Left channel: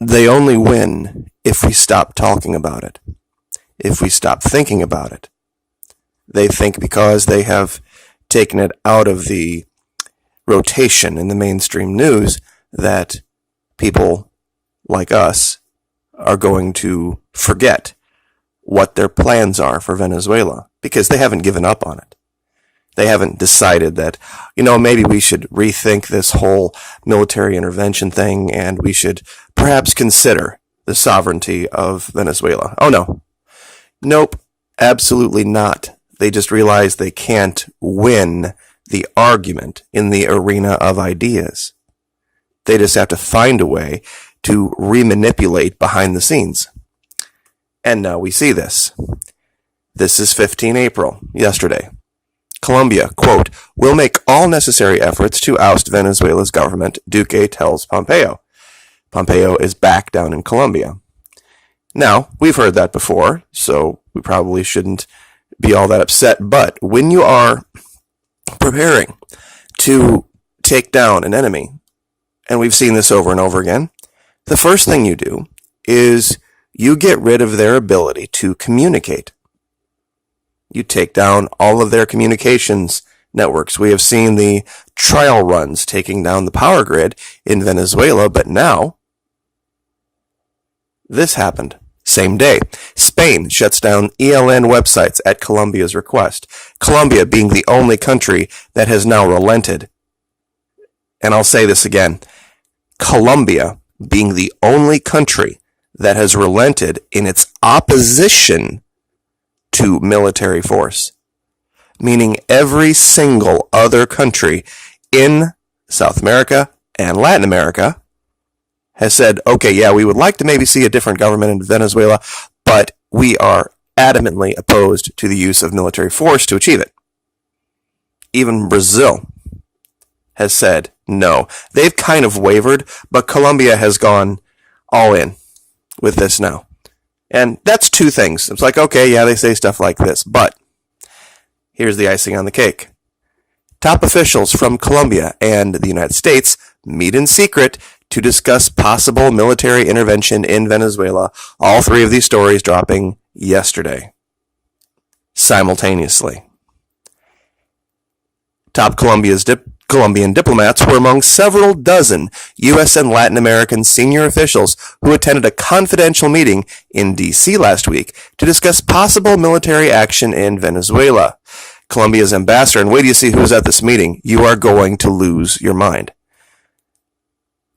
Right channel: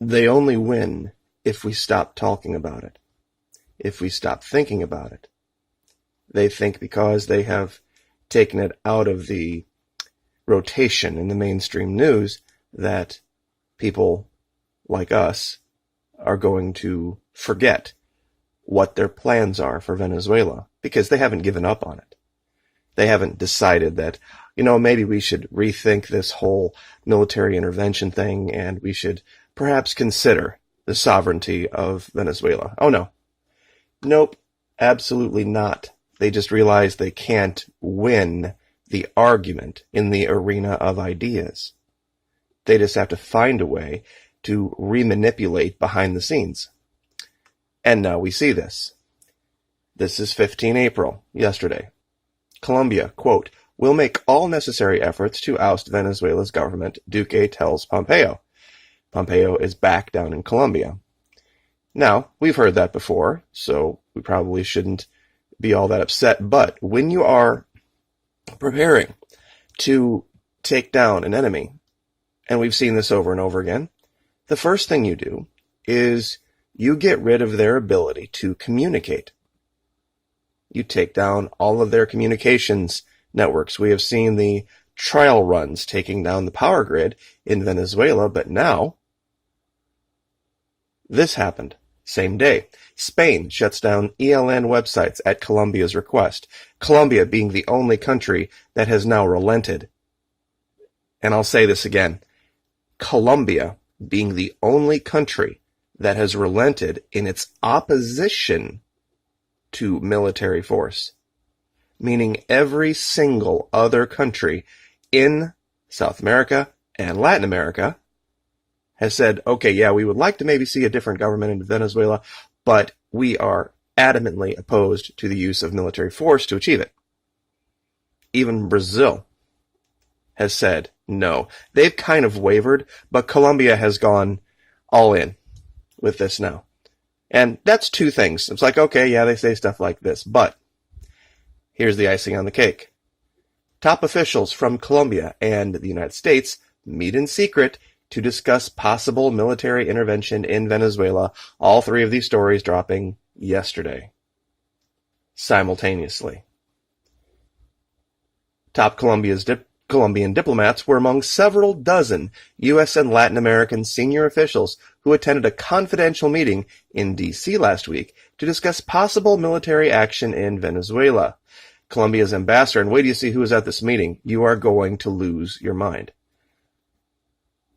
They only win if we stop talking about it, if we stop thinking about it. They think because they have taken it out of the rotation in the mainstream news that people like us are going to forget what their plans are for Venezuela because they haven't given up on it. They haven't decided that, maybe we should rethink this whole military intervention thing and we should perhaps consider the sovereignty of Venezuela. Oh, no. Nope. Absolutely not. They just realize they can't win the argument in the arena of ideas. They just have to find a way to remanipulate behind the scenes. And now we see this. This is 15 April, yesterday. Colombia, quote, will make all necessary efforts to oust Venezuela's government, Duque tells Pompeo. Pompeo is back down in Colombia. Now, we've heard that before, so we probably shouldn't be all that upset, but when you are preparing to take down an enemy, and we've seen this over and over again, the first thing you do is you get rid of their ability to communicate. You take down all of their communications networks. We have seen the trial runs taking down the power grid in Venezuela, but now this happened. Same day. Spain shuts down ELN websites at Colombia's request. Colombia being the only country that has now relented. And I'll say this again. Colombia being the only country that has relented in its opposition to military force, meaning every single other country in South America and Latin America has said, okay, yeah, we would like to maybe see a different government in Venezuela, but we are adamantly opposed to the use of military force to achieve it. Even Brazil has said no. They've kind of wavered, but Colombia has gone all in with this now. And that's two things. It's like, okay, yeah, they say stuff like this, but here's the icing on the cake. Top officials from Colombia and the United States meet in secret to discuss possible military intervention in Venezuela. All three of these stories dropping yesterday, simultaneously. Top Colombian diplomats were among several dozen U.S. and Latin American senior officials who attended a confidential meeting in D.C. last week to discuss possible military action in Venezuela. Colombia's ambassador, and wait till you see who's at this meeting, you are going to lose your mind.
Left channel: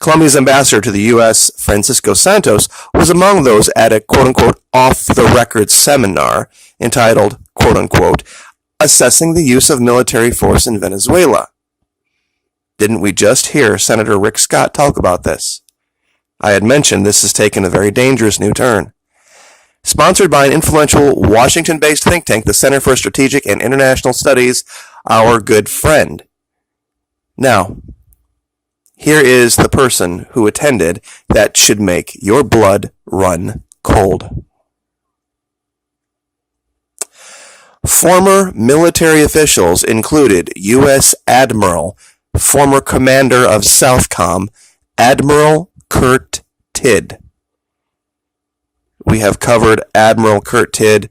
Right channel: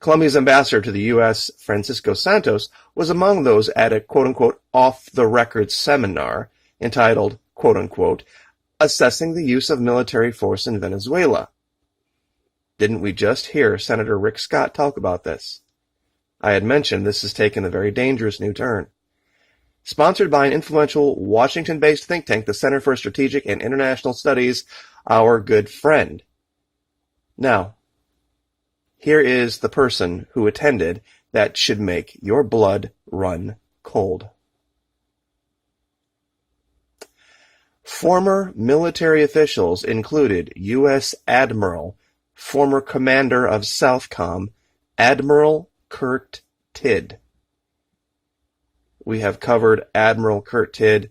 Colombia's ambassador to the U.S., Francisco Santos, was among those at a quote-unquote off-the-record seminar entitled, quote-unquote, Assessing the Use of Military Force in Venezuela. Didn't we just hear Senator Rick Scott talk about this? I had mentioned this has taken a very dangerous new turn. Sponsored by an influential Washington-based think tank, the Center for Strategic and International Studies, our good friend. Now, here is the person who attended that should make your blood run cold. Former military officials included U.S. Admiral, former commander of Southcom, Admiral Kurt Tidd. We have covered Admiral Kurt Tidd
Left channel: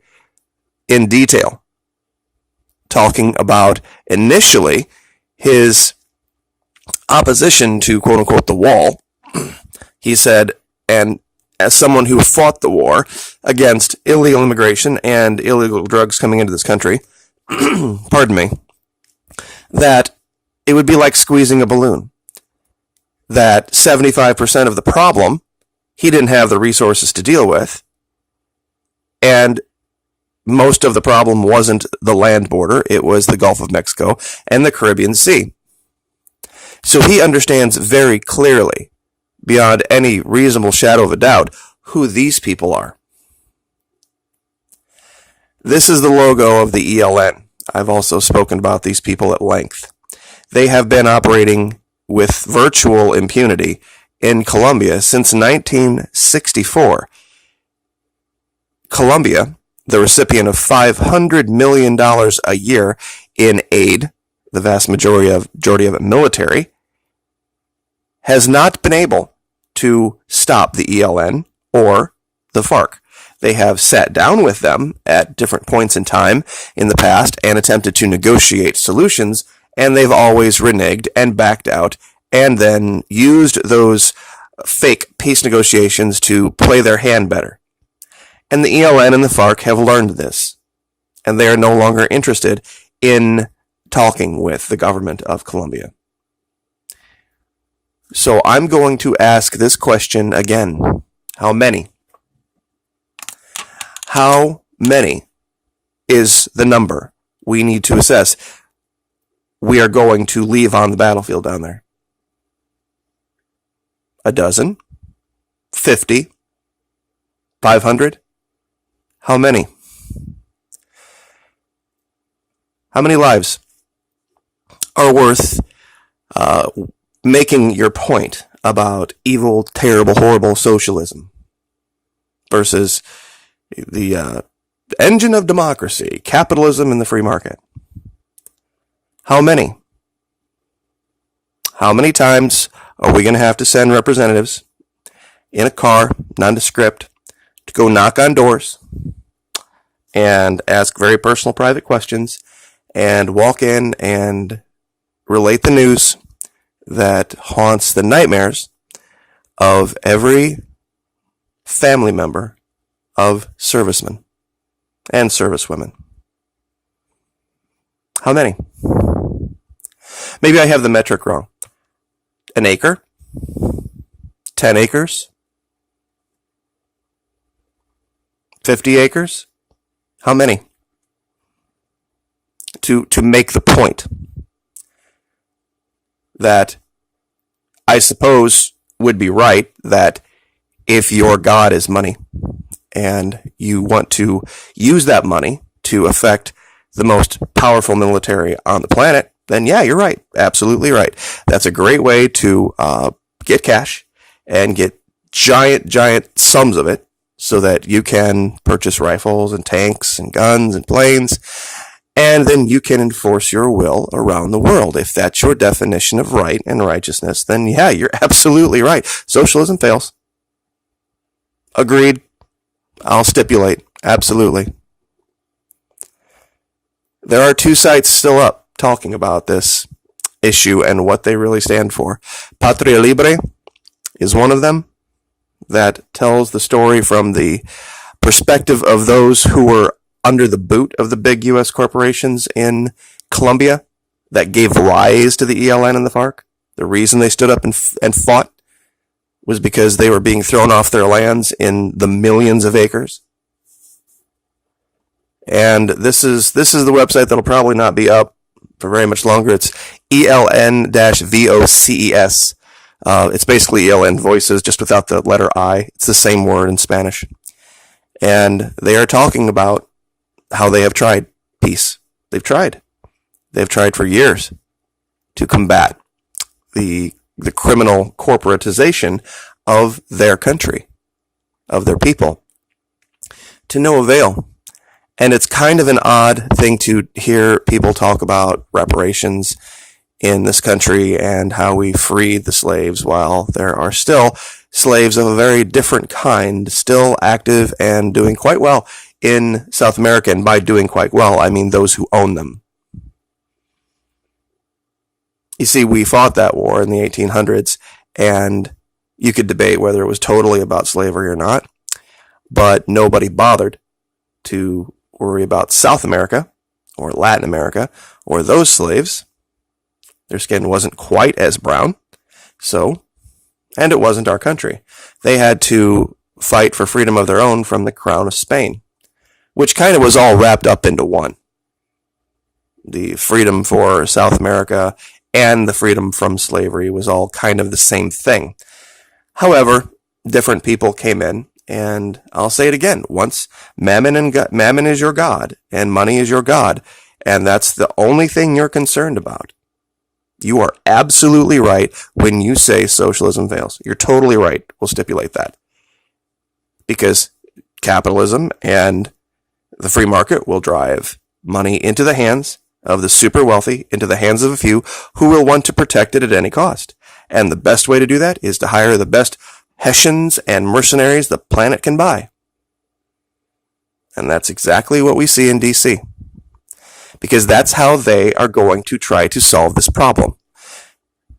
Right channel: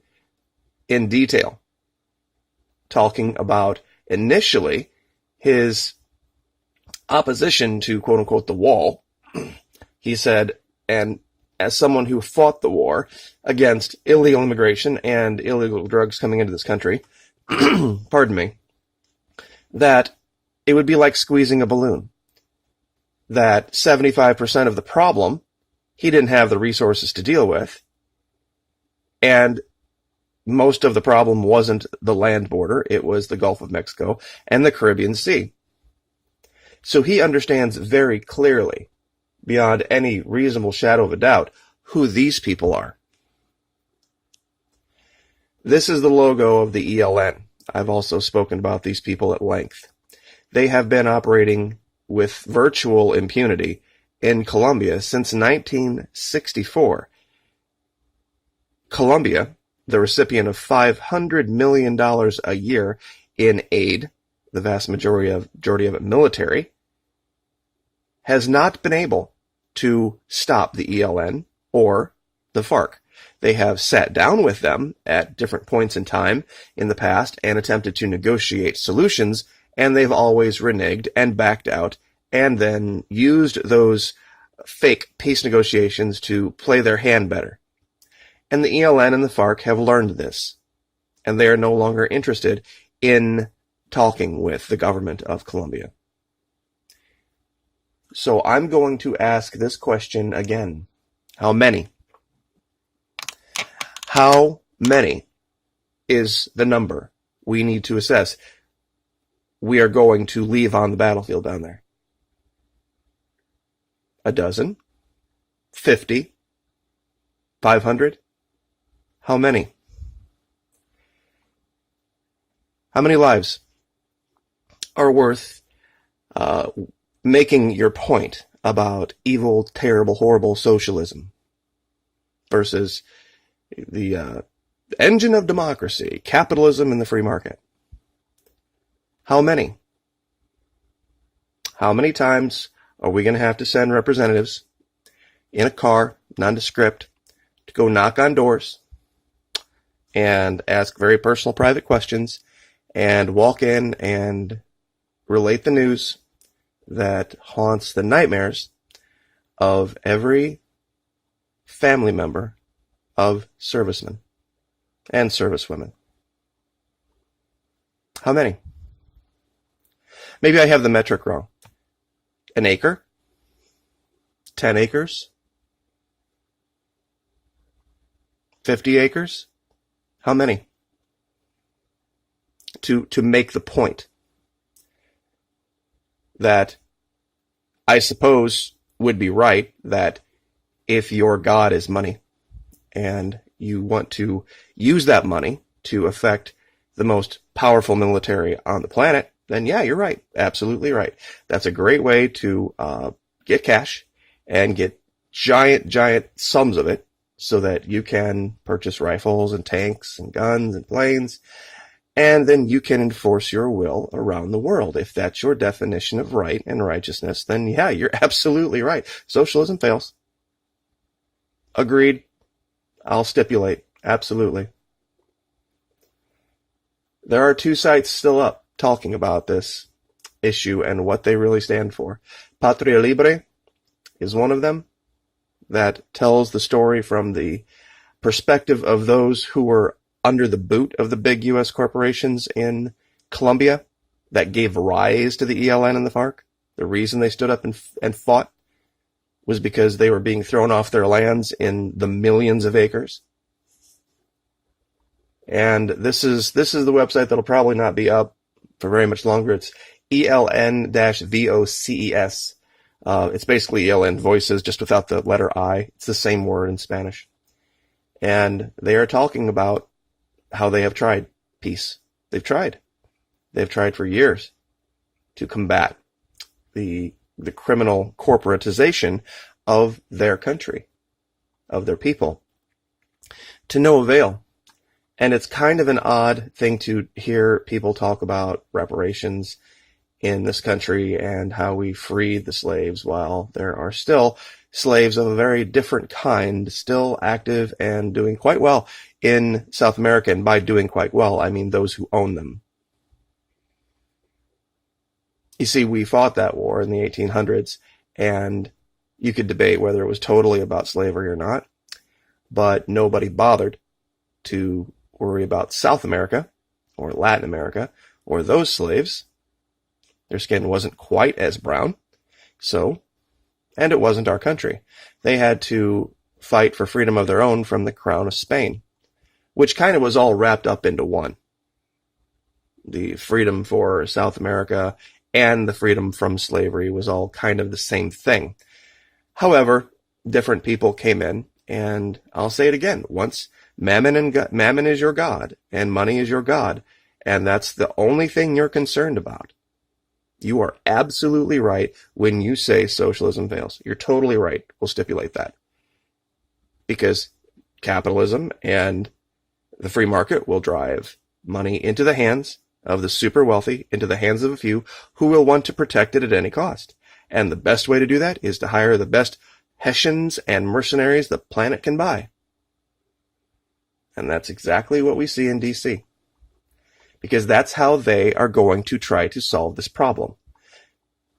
in detail, talking about initially his opposition to quote-unquote the wall. He said, and as someone who fought the war against illegal immigration and illegal drugs coming into this country, pardon me, that it would be like squeezing a balloon. That 75% of the problem he didn't have the resources to deal with, and most of the problem wasn't the land border, it was the Gulf of Mexico and the Caribbean Sea. So he understands very clearly, beyond any reasonable shadow of a doubt, who these people are. This is the logo of the ELN. I've also spoken about these people at length. They have been operating with virtual impunity in Colombia since 1964. Colombia, the recipient of $500 million a year in aid, the vast majority of it military, has not been able to stop the ELN or the FARC. They have sat down with them at different points in time in the past and attempted to negotiate solutions, and they've always reneged and backed out and then used those fake peace negotiations to play their hand better. And the ELN and the FARC have learned this, and they are no longer interested in talking with the government of Colombia. So I'm going to ask this question again. How many? How many is the number we need to assess we are going to leave on the battlefield down there? A dozen? 50? 500? How many? How many lives are worth making your point about evil, terrible, horrible socialism versus the engine of democracy, capitalism and the free market? How many? How many times are we going to have to send representatives in a car, nondescript, to go knock on doors and ask very personal, private questions and walk in and relate the news that haunts the nightmares of every family member of servicemen and servicewomen? How many? Maybe I have the metric wrong. An acre? 10 acres? 50 acres? How many? To make the point that I suppose would be right, that if your God is money and you want to use that money to affect the most powerful military on the planet, then yeah, you're right. Absolutely right. That's a great way to get cash and get giant sums of it so that you can purchase rifles and tanks and guns and planes, and then you can enforce your will around the world. If that's your definition of right and righteousness, then yeah, you're absolutely right. Socialism fails. Agreed. I'll stipulate. Absolutely. There are two sites still up talking about this issue and what they really stand for. Patria Libre is one of them that tells the story from the perspective of those who were under the boot of the big U.S. corporations in Colombia that gave rise to the ELN and the FARC. The reason they stood up and fought was because they were being thrown off their lands in the millions of acres. And this is the website that'll probably not be up for very much longer. It's ELN-VOCES. It's basically ELN Voices, just without the letter I. It's the same word in Spanish. And they are talking about how they have tried peace. They've tried for years to combat the criminal corporatization of their country, of their people, to no avail. And it's kind of an odd thing to hear people talk about reparations in this country and how we freed the slaves while there are still slaves of a very different kind still active and doing quite well in South America. And by doing quite well, I mean those who own them. You see, we fought that war in the 1800s, and you could debate whether it was totally about slavery or not, but nobody bothered to worry about South America or Latin America or those slaves. Their skin wasn't quite as brown, and it wasn't our country. They had to fight for freedom of their own from the crown of Spain, which kind of was all wrapped up into one. The freedom for South America and the freedom from slavery was all kind of the same thing. However, different people came in, and I'll say it again, once mammon is your god, and money is your god, and that's the only thing you're concerned about. You are absolutely right when you say socialism fails. You're totally right. We'll stipulate that. Because capitalism and the free market will drive money into the hands of the super wealthy, into the hands of a few who will want to protect it at any cost. And the best way to do that is to hire the best Hessians and mercenaries the planet can buy. And that's exactly what we see in DC. Because that's how they are going to try to solve this problem.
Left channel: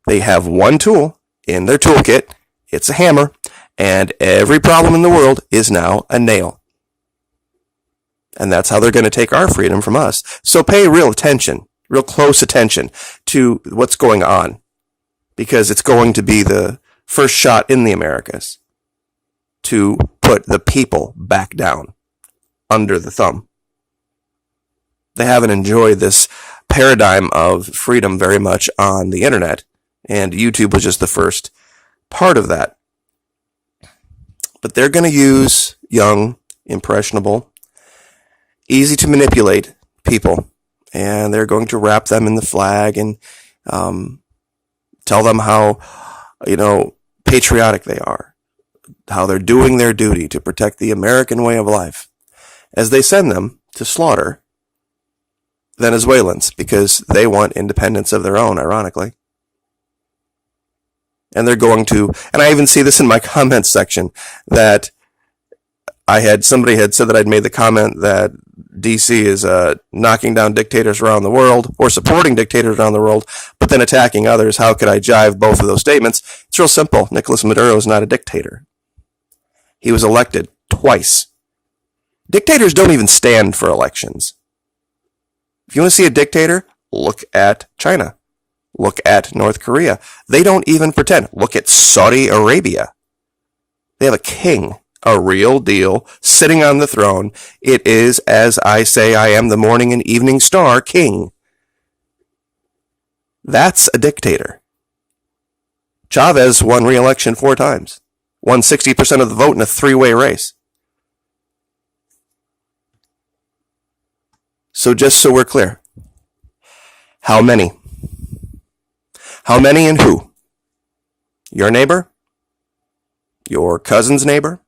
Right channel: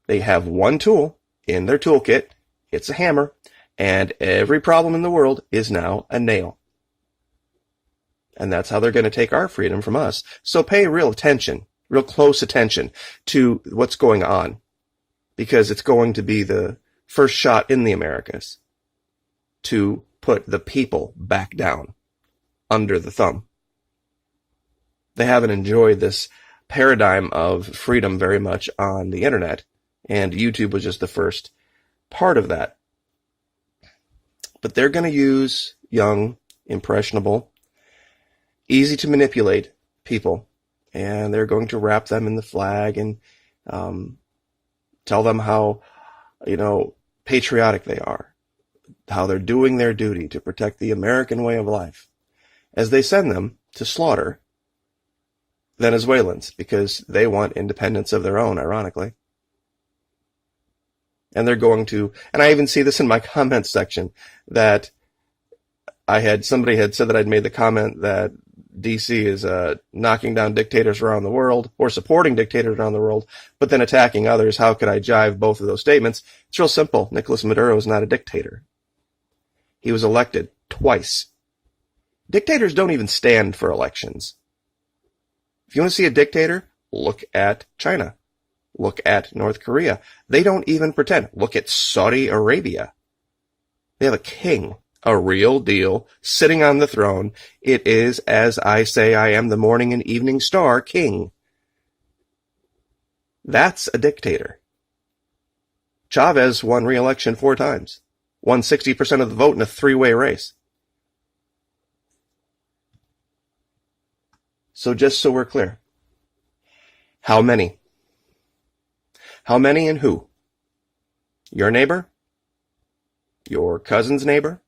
They have one tool in their toolkit. It's a hammer. And every problem in the world is now a nail. And that's how they're going to take our freedom from us. So pay real attention, real close attention to what's going on. Because it's going to be the first shot in the Americas to put the people back down under the thumb. They haven't enjoyed this paradigm of freedom very much on the internet, and YouTube was just the first part of that. But they're going to use young, impressionable, easy to manipulate people, and they're going to wrap them in the flag and tell them how, patriotic they are, how they're doing their duty to protect the American way of life, as they send them to slaughter Venezuelans because they want independence of their own, ironically. And they're going to, and I even see this in my comments section, that somebody had said that I'd made the comment that DC is knocking down dictators around the world or supporting dictators around the world, but then attacking others. How could I jive both of those statements? It's real simple. Nicolas Maduro is not a dictator. He was elected twice. Dictators don't even stand for elections. If you want to see a dictator, look at China. Look at North Korea. They don't even pretend. Look at Saudi Arabia. They have a king, a real deal, sitting on the throne. It is, as I say, I am the morning and evening star king. That's a dictator. Chavez won re-election 4 times. Won 60% of the vote in a 3-way race. So just so we're clear, how many? How many and who? Your neighbor? Your cousin's neighbor?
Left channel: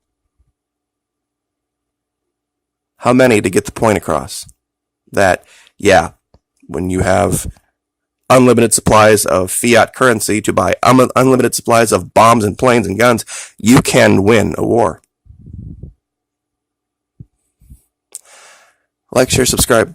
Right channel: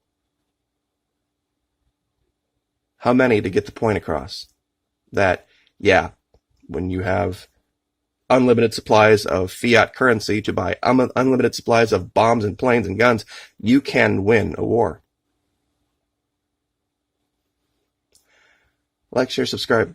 How many to get the point across? That, yeah, when you have unlimited supplies of fiat currency to buy unlimited supplies of bombs and planes and guns, you can win a war. Like, share, subscribe.